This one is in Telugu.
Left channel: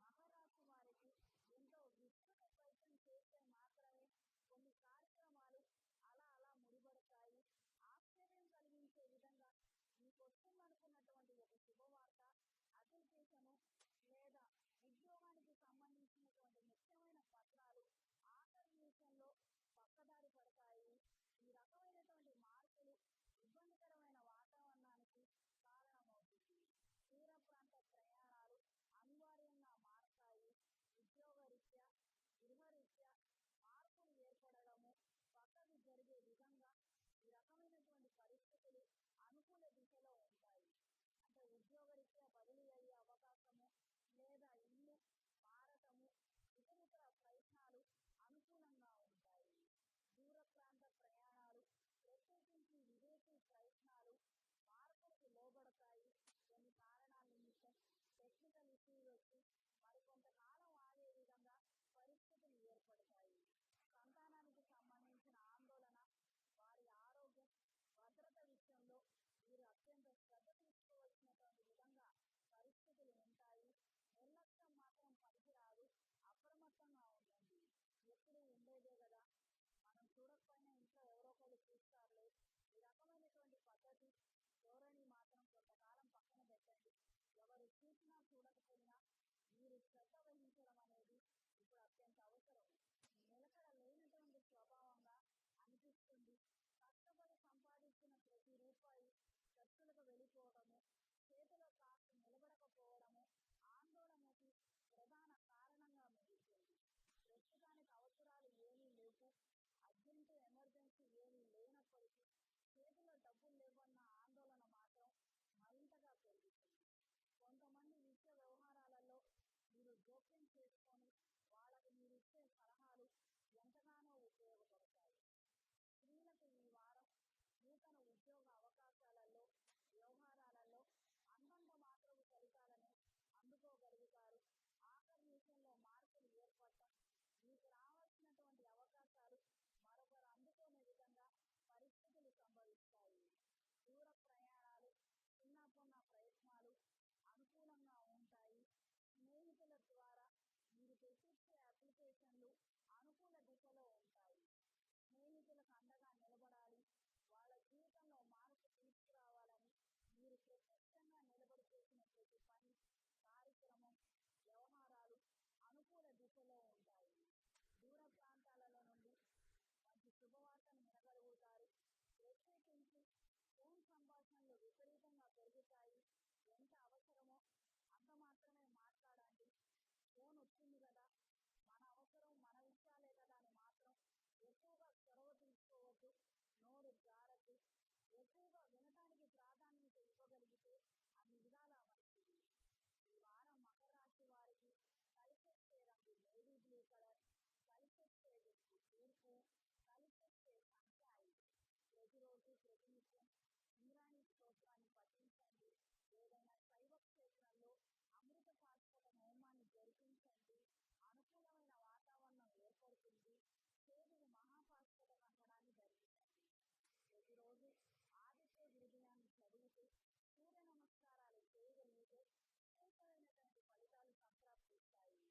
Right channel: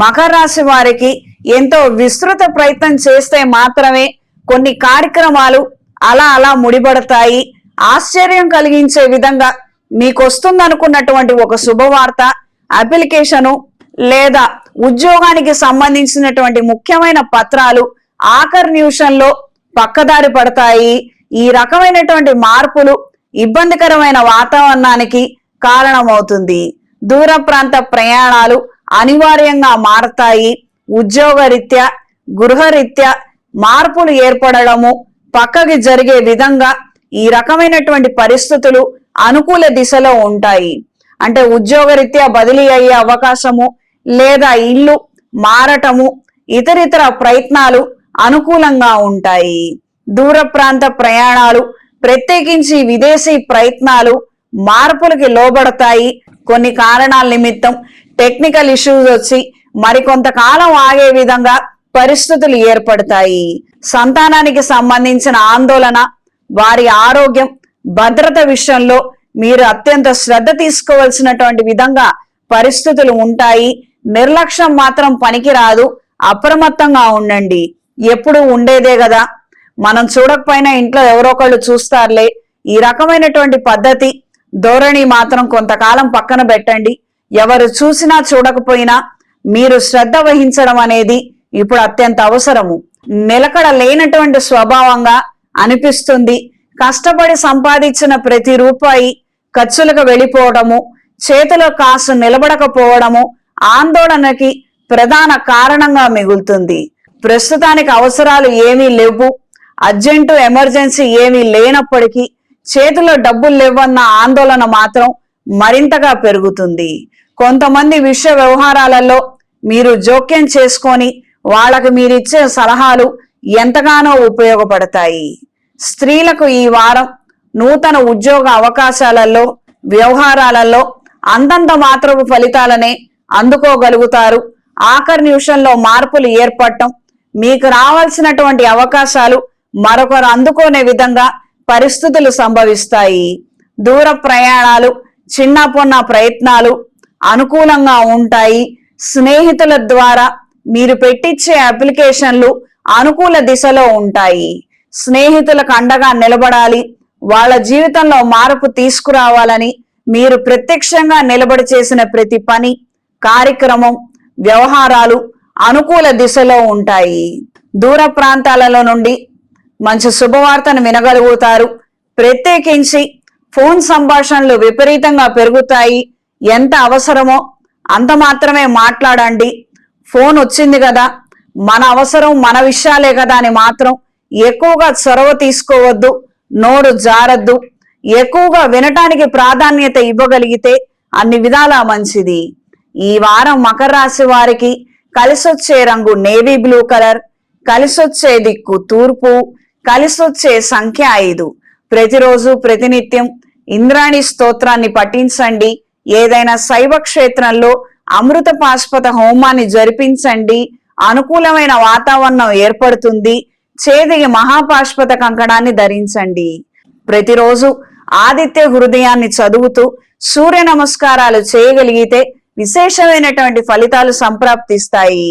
మకర రాశి వారికి ఎంతో విస్తృత ప్రయత్నం చేస్తే మాత్రమే కొన్ని కార్యక్రమాలు అలా అలా ముడిపడతాయి. ఆశ్చర్యం కలిగించే విధంగా మీకు వస్తుందనుకున్నటువంటి ఒక శుభవార్త, అప్లికేషను లేదా ఉద్యోగానికి సంబంధించినటువంటి ముఖ్యమైన పత్రాలు ఆఖరి నిమిషంలో పక్కదారి పడతాయి. ఈ రకమైనటువంటి మార్పులు ఇబ్బందికరమైన వాతావరణానికి కారణమవుతుంది. దూర ప్రాంత ప్రయాణాలు అనివార్యంగా మారతాయి. ఉద్యోగరీత్యా గృహరీత్యా మార్పులు ఏర్పడడము, పక్కకి జరిగే విధంగా ఈ రకమైనటువంటి పరిస్థితులు అనుకూల దిశలో ఉంటాయి. అంటే ఉద్యోగరీత్యా బదిలీ అయ్యే అవకాశము లేదా ఇల్లు మారటము, ఇతరితర ప్రయత్నాలు అనుకూలంగా ఉంటాయి. దూర ప్రాంత ప్రయాణాలు, ప్రత్యేకించి విదేశీ ప్రయత్నాలు మార్పులకి లోబడతాయి. కొన్ని కారణాల నిమిత్తం టెక్నికల్ ఇష్యూస్ వచ్చి మరికొంతకాలం ఆగే విధంగా పరిస్థితులు ఏర్పడతాయి. సంతానానికి సంబంధించిన ఆందోళన, వారి ఆరోగ్యం, భద్రత విషయంలో మీరు అత్యంత శ్రద్ధ తీసుకోవాల్సినటువంటి విధంగా పరిస్థితులు ఉంటాయి. నిర్లక్ష్యం మాత్రం పనికిరాదు. అప్రమత్తంగా ఉండండి. ఎప్పుడు ఉండేదే కదా, మనం చూడకపోయినా ఇంట్లో ఎవరో ఒకళ్ళు చూస్తారులే. ఈ రకమైనటువంటి పద్ధతి, ధోరణి మాత్రం కొంతకాలం పక్కన పెట్టండి. ఎవరు చూసినా చూడకపోయినా మీరు శ్రద్ధ వహించడం అనేది ఇప్పుడు అత్యంత అవసరము. నిలకడ లేనటువంటి స్వభావంగా అనిపిస్తుంది. కష్టపడి సంపాదించిన ప్రతి రూపాయి ఖర్చులకు వెళ్ళిపోవడము, చేతిలో కాసు నిలబడకపోవడము ఆందోళనకి ప్రధాన కారణంగా మిగులుతుంది. ప్రస్తుతానికి అవసరాలు ఏమీ లేవు, అర్జెంటు ఎమర్జెన్సీ ఏమీ లేనప్పటికీ చేతిలో డబ్బులు లేవన్న ఆందోళన మాత్రం మరింతగా పెరుగుతుంది. కొంతమంది విషయ వ్యవహారాలలో మీరు జోక్యం చేసుకొని వాళ్ళకి మీరిచ్చే సలహాలు ఎంతగానో ఉపయోగపడతాయి. స్త్రీలకు ఈ వారం నూతన ఉద్యోగ అవకాశాలలో, వ్యవహారాలలో అంతంత మాత్రపు ఫలితాలనే అందుకోగలుగుతారు. ఆఖరి నిమిషంలో మార్పులు ఏర్పడటం, మీకు రావాల్సినటువంటి అవకాశాలు మరొకరు అందుకోనే విధంగా పరిస్థితులు సంభవిస్తాయి. దూర ప్రయాణాలు, చిన్న పొన్న ప్రయత్నాలు అనుకూలంగా ఉంటాయి. స్నేహితుల ద్వారా మీరు పెట్టించే అప్లికేషన్లు అనుకూల దిశలో ఉంటాయి. స్నేహితులకు అండగా నిలబడాలి. వాళ్ళ జీవితంలో మార్పు తీసుకురావాలని మీరు ప్రత్యక్షంగా నిలబడి చేసిన ప్రతి పని, కార్యక్రమం, వ్యవహారాలు అనుకూల దిశలో ఉంటాయి. దూర ప్రాంతాలలో నుండి మంచి శుభవార్తను వినగలుగుతారు. ప్రత్యేకించి ఫోన్ సంభాషణలు విపరీతంగా పెరుగుతాయి. ఎంత అవసరమో అంత మాత్రమే మాట్లాడండి. ఫోన్ వచ్చింది కదా, మన అవసరం మన విషయాలే కదా అని మాత్రం ఎక్కువగా చొరవ తీసుకోవద్దు. నోరు జారద్దు. ఎక్కువగా వినటానికి ప్రాధాన్యత ఇవ్వగలిగితే అన్ని విధాలా మంచిది. ఈ వారం మకర రాశి వారికి కలిసొచ్చే రంగు నేవీ బ్లూ కలర్, కలిసొచ్చే దిక్కు తూర్పు, కలిసొచ్చే సంఖ్య 5. ప్రతిరోజు ప్రతినిత్యం ఇంద్రాణి స్తోత్రాన్ని పఠించండి. ఏదైనా శైవ క్షేత్రంలో అమృత పాశుపత హోమాన్ని జరిపించండి. అనుకూలమైన వాతావరణం ఏర్పడుతుంది. చేతికి మహాపాశుపత కంకణాన్ని ధరించండి. ప్రతిరోజు ఆదిత్య హృదయాన్ని చదువుతూ సూర్య నమస్కారాలు చేయగలిగితే విశేషమైనటువంటి ఫలితాలు సంప్రాప్తిస్తాయి.